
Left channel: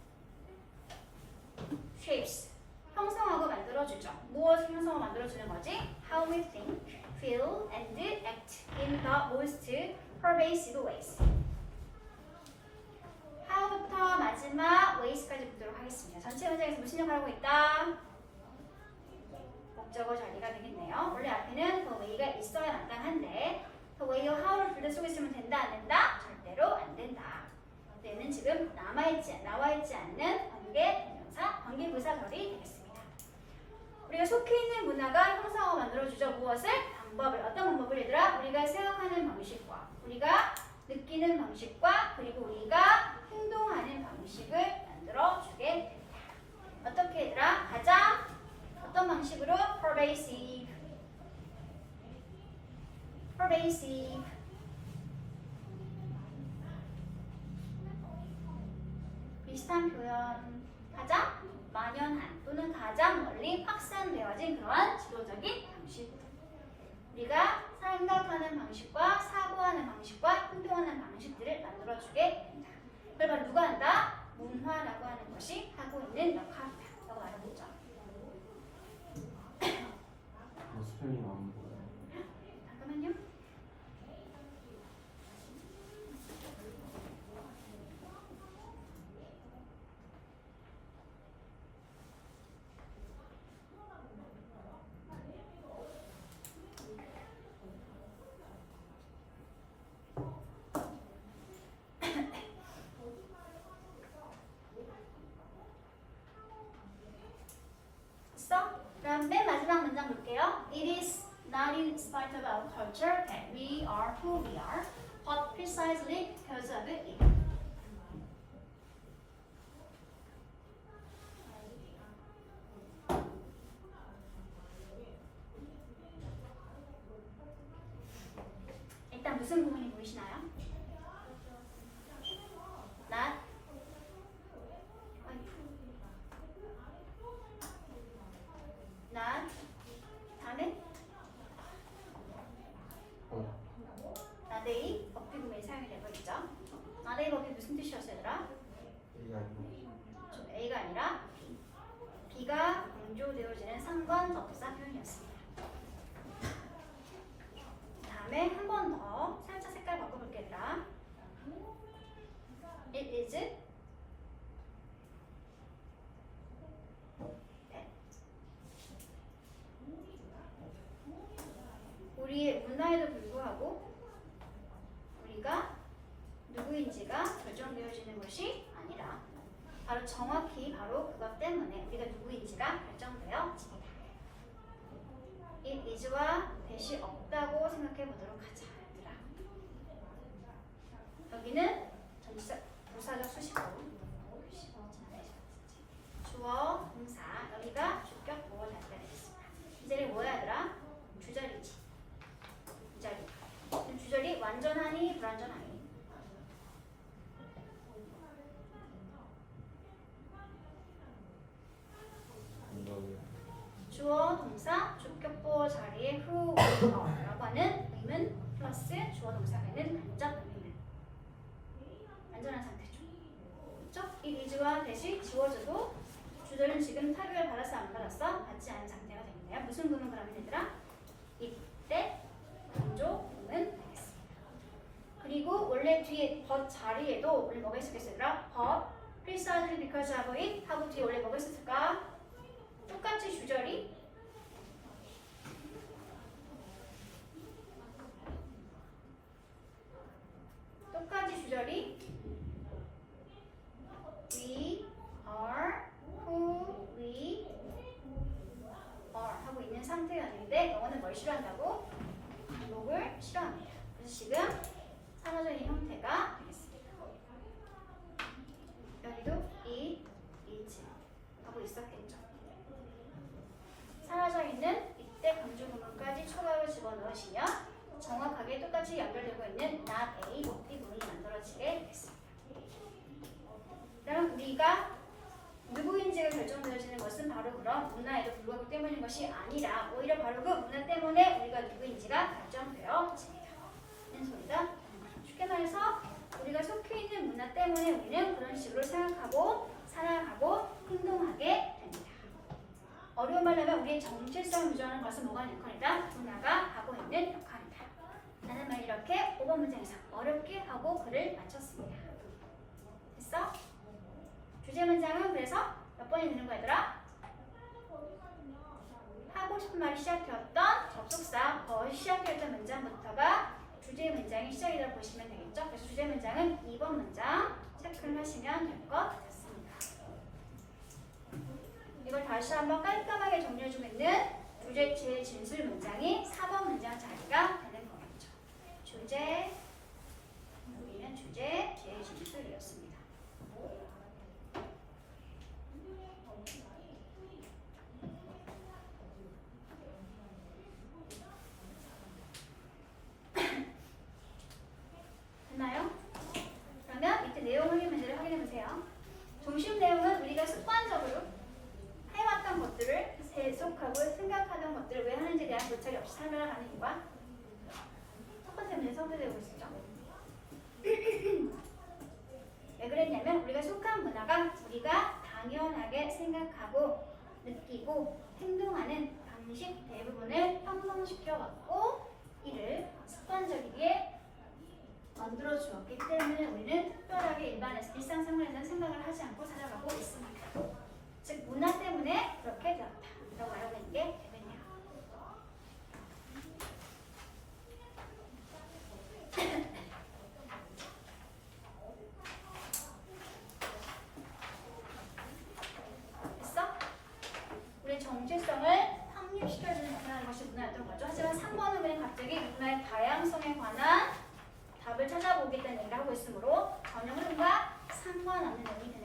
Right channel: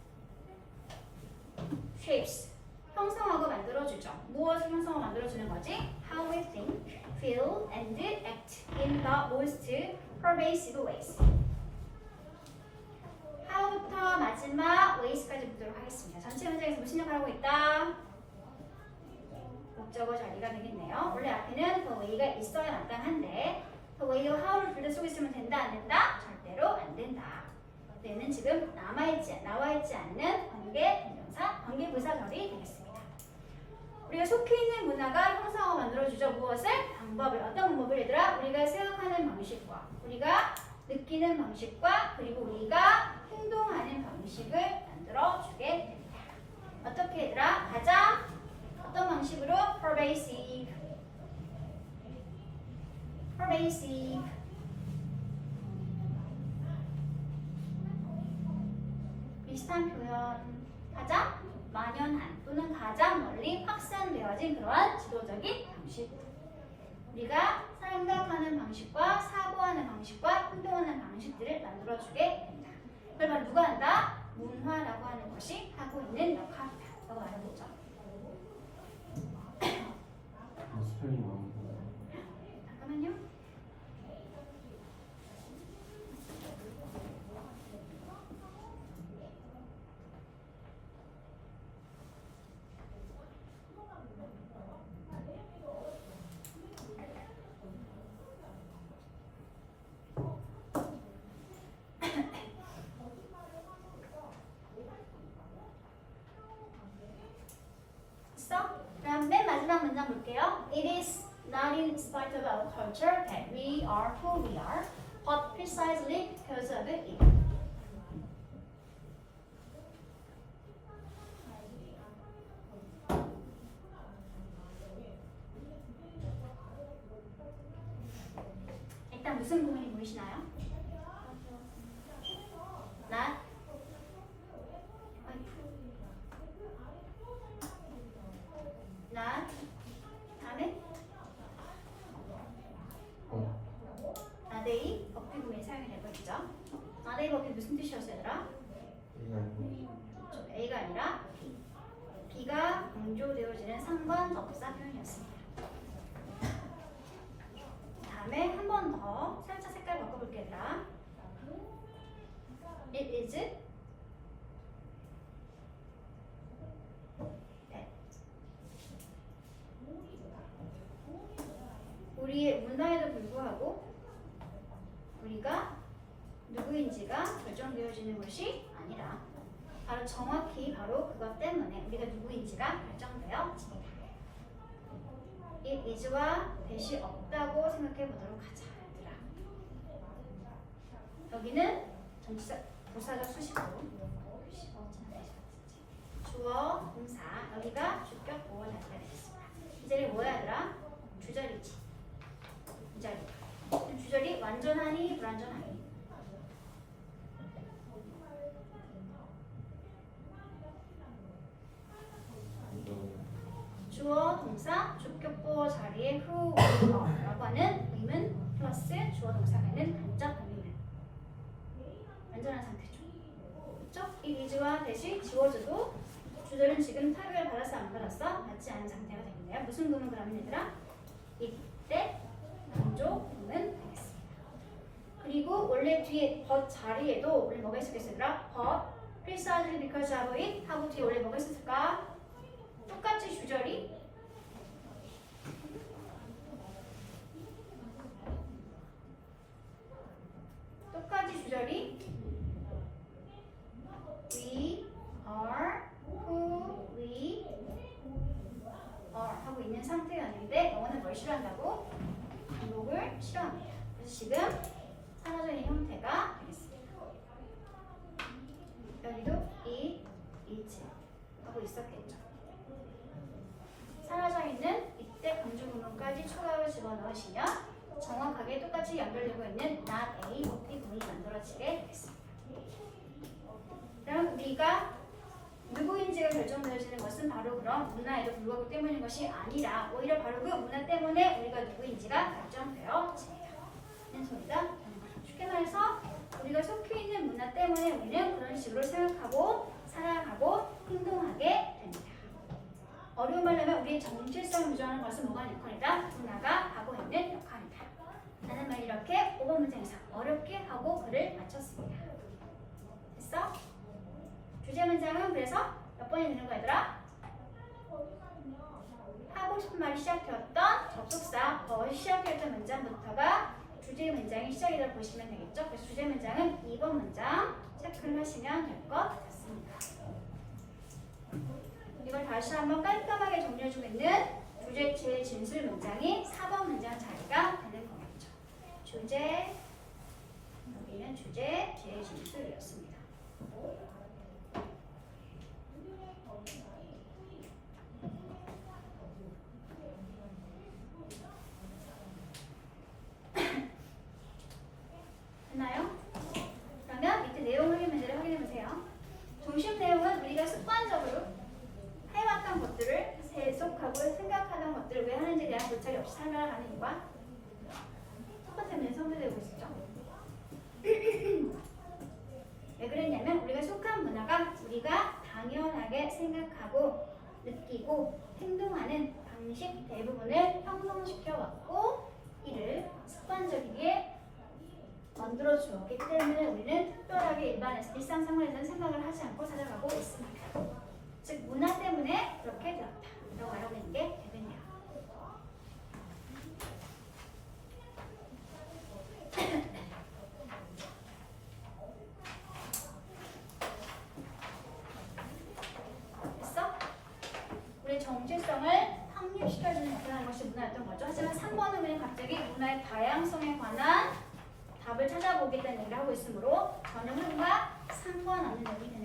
shapes, 형성하고 만들어주죠. 무엇을 형성하고 만들어주는 거지? How we think, feel, and act in the most pervasive ways. how부터 마지막 ways까지 보도록 하겠습니다. 전체 문장에서 무슨 역할을 하고 있다? 목적어 자리가 되겠네요. 원래 앞에는 the way가 있어야 마땅한데 the way와 how를 둘 다 속에 쓰면 된다 안 된다? 절대로 안 된다. 얘는 지금 나와 있지 않는 관계부사절이 되겠습니다. 우리가 속해 있는 문화가 형성하고 만들어주죠. 무엇을? 방법을. 어떤 방법을 얘들아? 우리가 생각하는 방식과 우리가 느끼는 방식과 그리고 우리가 행동하는 방식을 만들어주게 됩니다. 어떻게 얘들아? 가장 어떤 방식으로? pervasive. 비슷한 표현. 가장 만연한 또는 가장 멀리 확산되어진 그러한 지도적인 방식. 우리가 생각하는 방식과 사고하는 방식과 행동하는 방식들을 만들어주게 됩니다. 그걸 바로 누가 한다? 문화라고 하는 것이 하고 있는 역할이다 라고 말해보죠. 스펠링 안 보여. 잠깐만요. It is not in spite of our culture that we are who we are, but precisely because of it. 일단 무슨 부분이 보이시나요? Not 다음에 나데이 법비 구문이 사용이 되고 있죠. 나데이 법비 무슨 뜻이었어요, 얘들아? A가 아니라 B. B가 강조되어지는 상관 접사 표현이었습니다. 다음에 한 번 더 살짝 색깔 바꿔볼게요, 얘들아. It is that. 우리의 문화에도 불구하고 우리가 누구인지가 결정되어지는 것이 아니라 바로 정확히 바로 그것 때문에 우리가 누구인지가 결정되어집니다. It is와 that이 없다고 생각해 보도록 하자. 얘들아. 여기는 전치사 부사적 수식어 주어 동사 여기가 주격 보호 자리가 되겠습니다. 이 자리 뭐야 얘들아? 주절이지. 이 자리. 주절이 완전하니 불완전하니? 주어 동사 주격 보호 자리에 who, 라고 하는 의문 플러스 주어 동사가 있는 간접 의문. 완전한 상태죠. 그렇죠? 이 is와 that이 지워져도 주절은 지금 타격을 받았어 안 받았어? 받지 않은 상태가 되겠네요. 무슨 구문 그러면 얘들아? 이때 강조 구문 되겠습니다. 그리고 원래 뒤에 but 자리에도 원래 뭐가 있었겠어요 얘들아? but precisely because of it 하고 뒤에 원래 뭐가 있었을까? 똑같이 주절이 we are who we are 하고 있는 상태였는데 영어는 뭘 싫어한다고? 반복을 싫어합니다. 그래서 지금 산화적인 형태가 되겠습니다. 여기도 is 하고 있었겠죠. 사라져 있는 이때 강조 구문까지 추가로 집어넣으시면 정확하게 똑같이 연결되고 있는 not a 목비 구문이 만들어지게 되겠습니다. 그럼 우리가 누구인지가 결정되어지는 것은 바로 그런 문화에도 불구하고 때문인 것이 아니라 오히려 바로 그 문화 때문에 우리가 누구인지가 결정되어집니다. 이런 소리가 되는 거죠. 쉽게 말해서 우리가 속해 있는 문화 때문에 우리는 그런 식으로 생각하고 살아가고 행동하게 됩니다. 어려운 말로 하면 우리의 정체성을 유지하는 것은 뭐가 역할이다? 문화가 하고 있는 역할이다. 라는 말 이렇게 5번 문장에서 어렵게 하고 글을 마쳤습니다. 됐어? 주제 문장은 그래서 몇 번이 되는 거야 얘들아? 하고 싶은 말이 시작되었던 접속사 but 시작되었던 문장부터가 주제 문장이 시작이 되어 보시면 되겠죠? 그래서 주제 문장은 2번 문장 체크를 하시면 될 것 같습니다. 이걸 다시 한번 깔끔하게 정리해주고 있는 주제 제진술 문장이 4번 문장 자리가 되는 거겠죠. 주제, 여기는 주제 제진술이었습니다. 됐나요? 그러면 밑에 내용 확인 문제를 확인해보세요. 중심 내용은 우리가 습관적으로 해왔던 것들을 계속하고 생각하는 것들을 왜 하는지에 대한 고찰이 없이 살아가는 이유가 첫 번째 문제 성취되고 있었죠. 왜 그랬냐면 우리가 속한 문화가 우리가 당연하게 생각하고 느끼고 행동하는 방식 대부분을 형성시켜왔고 이를 습관적이게 만들어 주었기 때문에 우리는 특별하게 일상생활에서는 생각을 하지 않고 살아가고 있습니다. 즉 문화 때문에 그렇게 되었다라고 말하고 있는 게 되겠네요. 됐어? 우리 정체성을 확립 시켜주는 역할을 하는 것이 문화였던 거죠. 하지만 3번은 그냥 갑자기 문화의 다양성에 관한 답을 찾아보겠다는 얘기를 하고 있으므로 전형 흐름과 상관없는 내용이 되는